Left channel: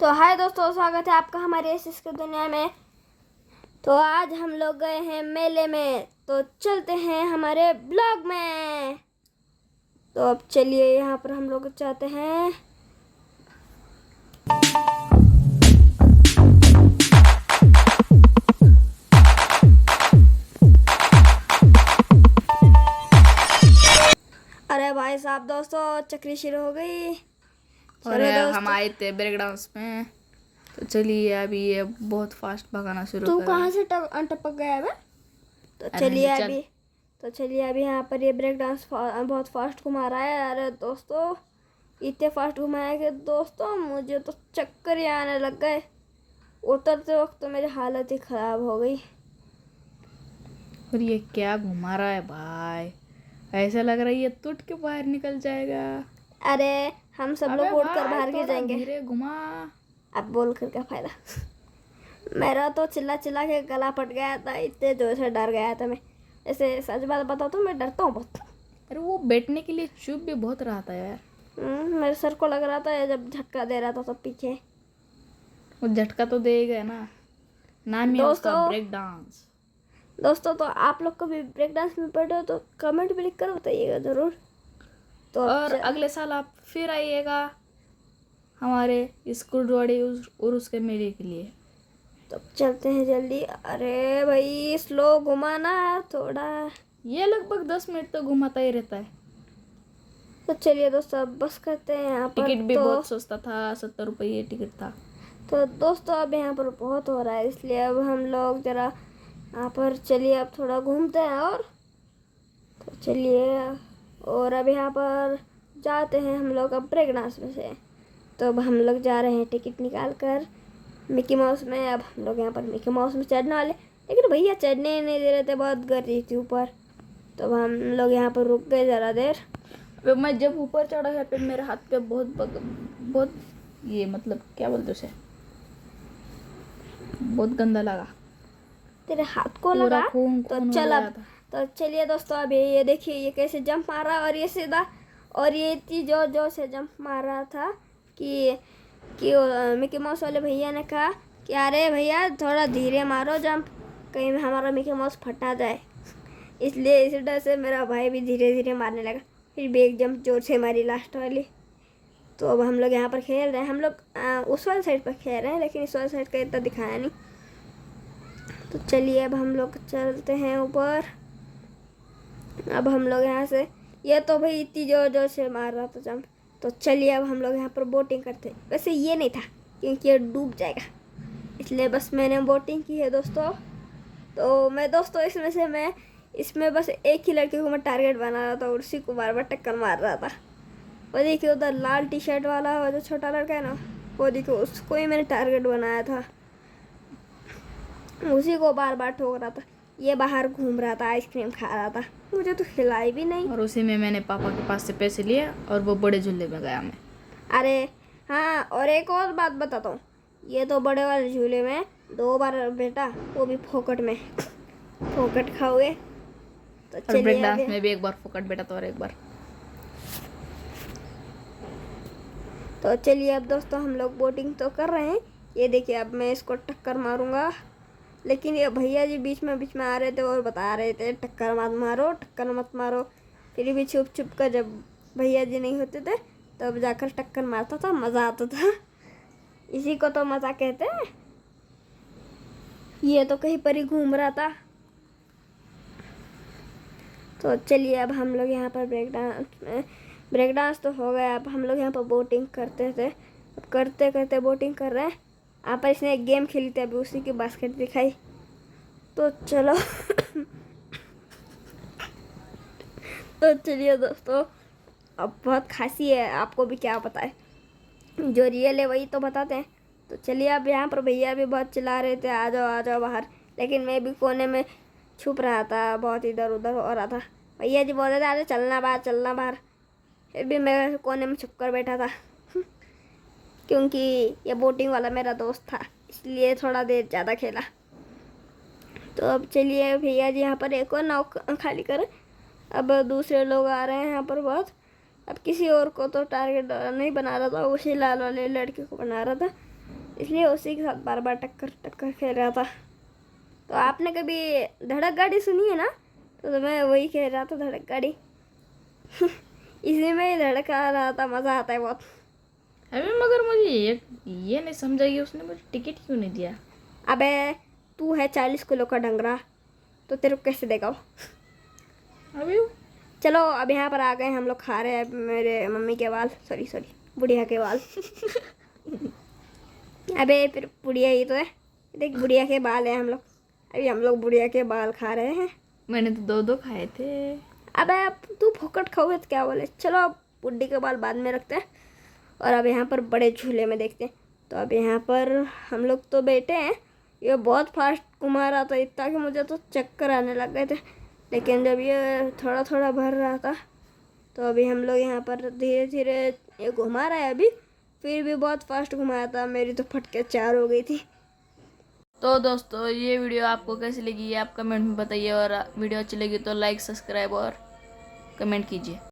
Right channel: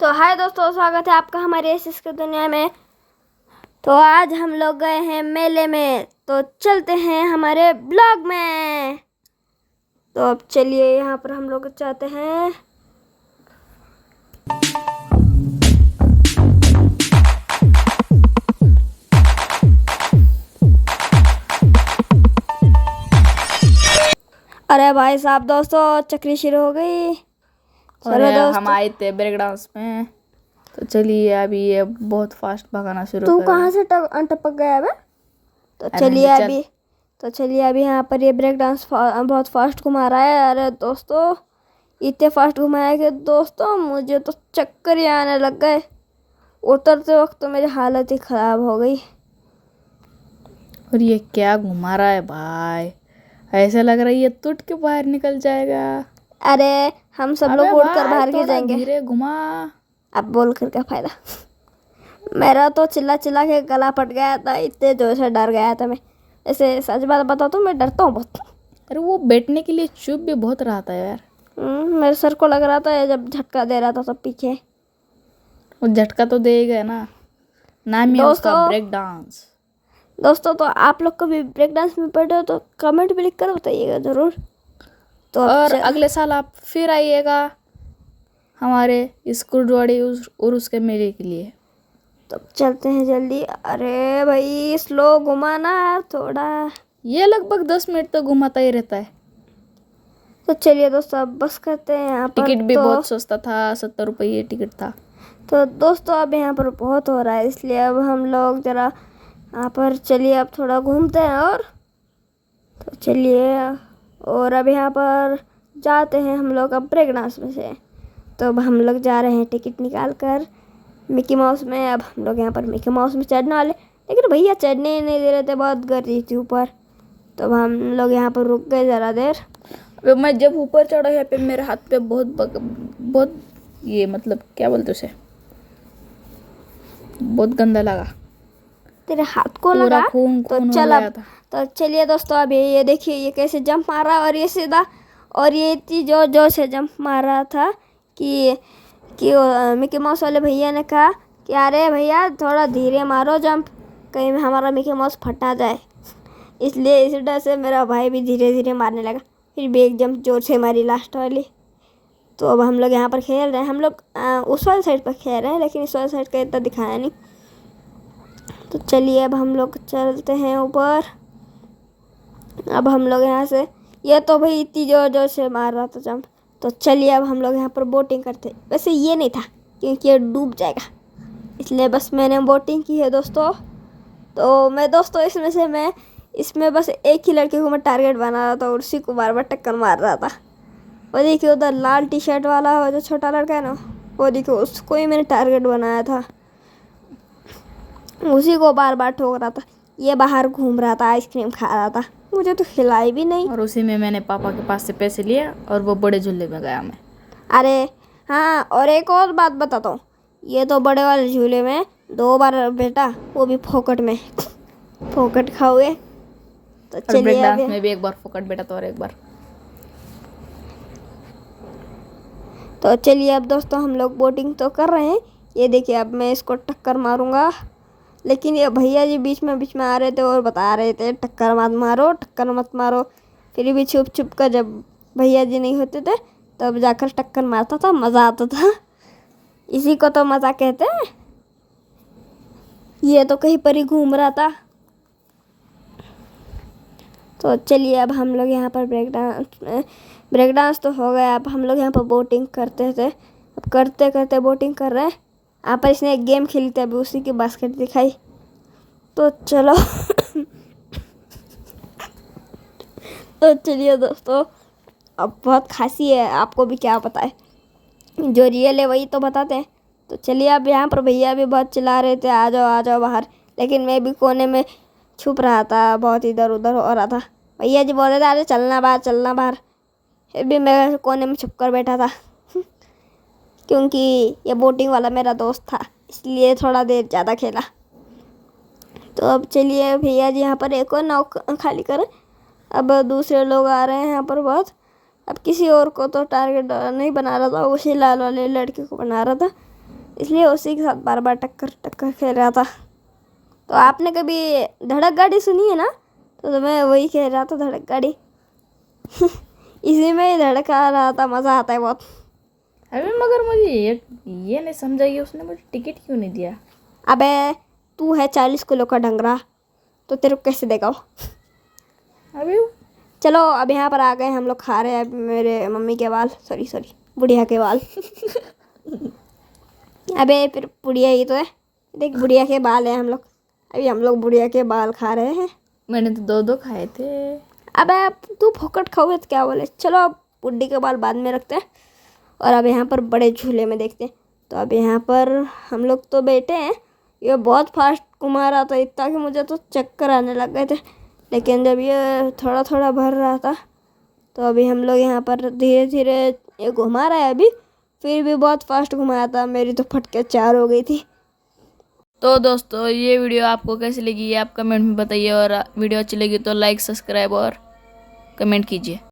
तो हाय दोस्तों, स्वागत है आपका हमारे इस दुनिया में। तो आज हम लोग गए हैं मेले में, तो चलते हैं हमारे ब्लॉग में। तो अब चलिए, यहाँ पर हम लोग चाहते हैं। अरे भाई साहब, दोस्तों चक्री शुरू हो गई। और हम आए थे ब्रेक डांस में। तो चलिए अभी ये बहुत फास्ट भगाना शुरू तू कर कहाँ से टपक गया है? तो चलिए अभी यहाँ पर ये ब्रेक डांस बहुत फास्ट घुमा रहा है। अरे दोस्तों, इतने फास्ट घुमाया कि दोस्तों मुझे तो चक्कर ही आने लग गए। उतरते वक्त तो मेरी हालत ही ख़राब हो गई। और ये क्या घुमा रहा है भाई, ऐसा लग रहा है ये टूट के बाहर निकल जाएगा। अरे हम सब लोग उड़कर बाहर गिर जाएंगे। धीरे घुमा। अब बोल कर क्या फ़ायदा। मेरा तो चिल्ला चिल्ला के गला फट गया था, इतने जोर से डर गया था मैं। ऐसे सच बात बताओ तो मैं डरता हूँ बहुत। अरे वो बैठने के लिए चुप भी बहुत रहा था यार। मेरे सर को लग रहा था जब झटका दे रहा था सब पीछे। वो झटका तो देगा ना, नाम ही है उसका ब्रेक डांस। दोस्तों, तो आप लोग कभी ब्रेक डांस में पढ़े हो तो कमेंट भी लिख कर बताइएगा ज़रूर। तो और अगले साल आप फिर आइएगा हमारे इस कुर्डवाड़ी और उसके मेले के लिए। तो चलते हैं जल्दी। अरे भाई स्लो घुमाना यार थोड़ा। ये लगभग 10 मिनट तक घुमाता ही रहता है। तो चलिए दोस्तों, अब बस करते हैं यहाँ पर। टिकट भी बहुत सस्ता था, 70 रुपये टिकट था। तो दोस्तों अब यहाँ पर बहुत हो रहा है, इसलिए अब हम लोग ज़रा यहाँ पर चलिए अब थोड़ा घूमते हैं। और तो चलिए, और अब यहाँ पर जाते हैं हम लोग अब ब्रेक डांस में से। तो अब हम लोग जा रहे हैं टिकट निकाल कर मिकी माउस में। अब हम लोग यहाँ पर मिकी माउस में चढ़ने वाले, लेकिन भैया चढ़ने ही नहीं दे रहे थे, बहुत गर्मी थी ऊपर। तो अब हम लोग यहाँ पर रुक गए ज़रा देर। मैं जब ऊपर चढ़ा यहाँ पे मेरे हाथ पे बहुत ये मतलब क्या बोलते उसे, बहुत गंदा लगा। तेरे हाथ को लगा? खून तो खून चल हो अब। गया था। तो चलिए दोस्तों, अब ये देखिए ये कैसे जंप मार रहा है, और ये सीधा, और ये इतनी जोर जोर से जंप मार रहा था कि मिकी माउस वाले भैया ने कहा कि अरे भैया थोड़ा धीरे मारो जंप, कहीं हमारा मिकी माउस फटा जाए। इसलिए इस डर से मेरा भाई भी धीरे धीरे मारने लगा। फिर भी एक जंप जोर से मारी लास्ट वाली। तो अब हम लोग यहाँ पर खेल रहे हैं। हम लोग उस वाली साइड पर खेल रहे हैं, लेकिन इस वाली साइड का इतना दिखाया नहीं। तो चलिए अब हम लोग चलते हैं ऊपर। अब हम लोग यहाँ से, ये तो भाई इतनी जोर जोर से मार रहा था जंप। तो चलिए अब हम लोग यहाँ पर बोटिंग करते। वैसे ये नहीं था क्योंकि ये डूब जाएगा, इसलिए बस मैंने बोटिंग की है दोस्तों। तो मैं दोस्तों इसमें बस एक ही लड़के को मैं टारगेट बना रहा था, और उसी को बार बार टक्कर मार रहा था। वो देखिए उधर लाल टी शर्ट वाला हो जो छोटा लड़का है ना, वो देखिए उसको ही मैंने टारगेट बनाया था, उसी को बार बार ठोक रहा था। ये बाहर घूम रहा था, आइसक्रीम खा रहा था, मुझे तो खिलाई भी नहीं। और उसी में मैंने पापा के पास से पैसे लिए और वो बड़े झूले में गया मैं। अरे हाँ, और एक और बात बताता हूँ, ये तो बड़े वाले झूले में 2 बार बेटा, वो भी फोकट में फोकट खाओगे। तो और ब्रेक चलिए डांस में भी एक बार फोकट बेटा तो और एक बार। तो चलिए अब दोस्तों हम लोग बोटिंग तो कर रहे हैं। ये देखिए अब मैं इसको टक्कर मारूंगा, लेकिन ये भैया जी बीच में आ रहे थे और बता रहे थे टक्कर मत मारो, टक्कर मत मारो। फिर भी छुप छुप कर जब भैया जी नहीं होते थे तब जाकर टक्कर मारता था, मज़ा आता था। इसी को तो मज़ा कहते हैं। ये तो कहीं पर ही घूम रहा था। तो चलिए अब हम लोग यहाँ पर ब्रेक डांस तो हो गया। अब हम लोग यहाँ पर बोटिंग करते थे, अब करते करते बोटिंग कर रहे हैं। यहाँ पर इसने एक गेम खेली थी, अभी उसी की बास्केट दिखाई। तो चलो तो चलिए दोस्तों, अब बहुत खांसी है, आपको भी क्या पता है, जो रियल है वही तो बताते हैं। तो चलिए अब यहाँ पर भैया भी बहुत चिल्ला रहे थे आ जाओ बाहर, लेकिन मैं भी कोने में छुप रहा था, बहुत इधर उधर हो रहा था। भैया जी बोल रहे थे अरे चलना बाहर। फिर भी मैं कोने में छुप कर बैठा था क्योंकि ये बोटिंग वाला मेरा दोस्त था, इसलिए थोड़ा देर ज़्यादा खेला। तो अब चलिए भैया जी यहाँ पर एक और नाव खाली करें। अब दूसरे लोग आ रहे हैं यहाँ पर बहुत। अब किसी और को तो टारगेट नहीं बना रहा था, उसी लाल वाले लड़के को बना रहा था। इसलिए उसी के साथ बार बार टक्कर खेल रहा था। तो आपने कभी धड़क गाड़ी सुनी है ना, तो मैं वही कह रहा था, धड़क गाड़ी। इसी में ही धड़क आ रहा था, मज़ा आता है बहुत। अबे मगर मुझे ये नहीं समझा कि उसने मुझे टिकट क्यों नहीं दिया। अबे तू है 40 किलो का डंगरा, तो तेरे को कैसे देगा वो। अबे चलो अब यहाँ पर आ गए हम लोग, खा रहे हैं मेरे मम्मी के बाल, सॉरी बुढ़िया के बाल। अबे फिर बुढ़िया ही तो है, देख बुढ़िया के बाल है हम लोग, अभी हम लोग बुढ़िया के बाल खा रहे हैं। मैंने तो 2 खाए थे। अबे तू फोकट खाओगे तो क्या बोले। चलो अब बुढ़ी के बाल बाद में रखते हैं और अब यहाँ पर बड़े झूले में देखते हैं। तो अब यहाँ पर हम लोग तो बैठे हैं, ये बहुत फास्ट घुमा रहा था, इतना कि मुझे तो चक्कर आने लग गए थे। लेकिन जब ये थोड़ा थोड़ा भर रहा था, तो अभी हम लोग यहाँ पर धीरे धीरे ये घुमा रहा है। अभी फिर भी बहुत फास्ट घुमाया था, मेरी तो फटके 4 हो गई थी। तो दोस्तों ये वीडियो आपको कैसी लगी ये आप कमेंट में बताइए, और वीडियो अच्छी लगी तो लाइक सब्सक्राइब और कमेंट कीजिए।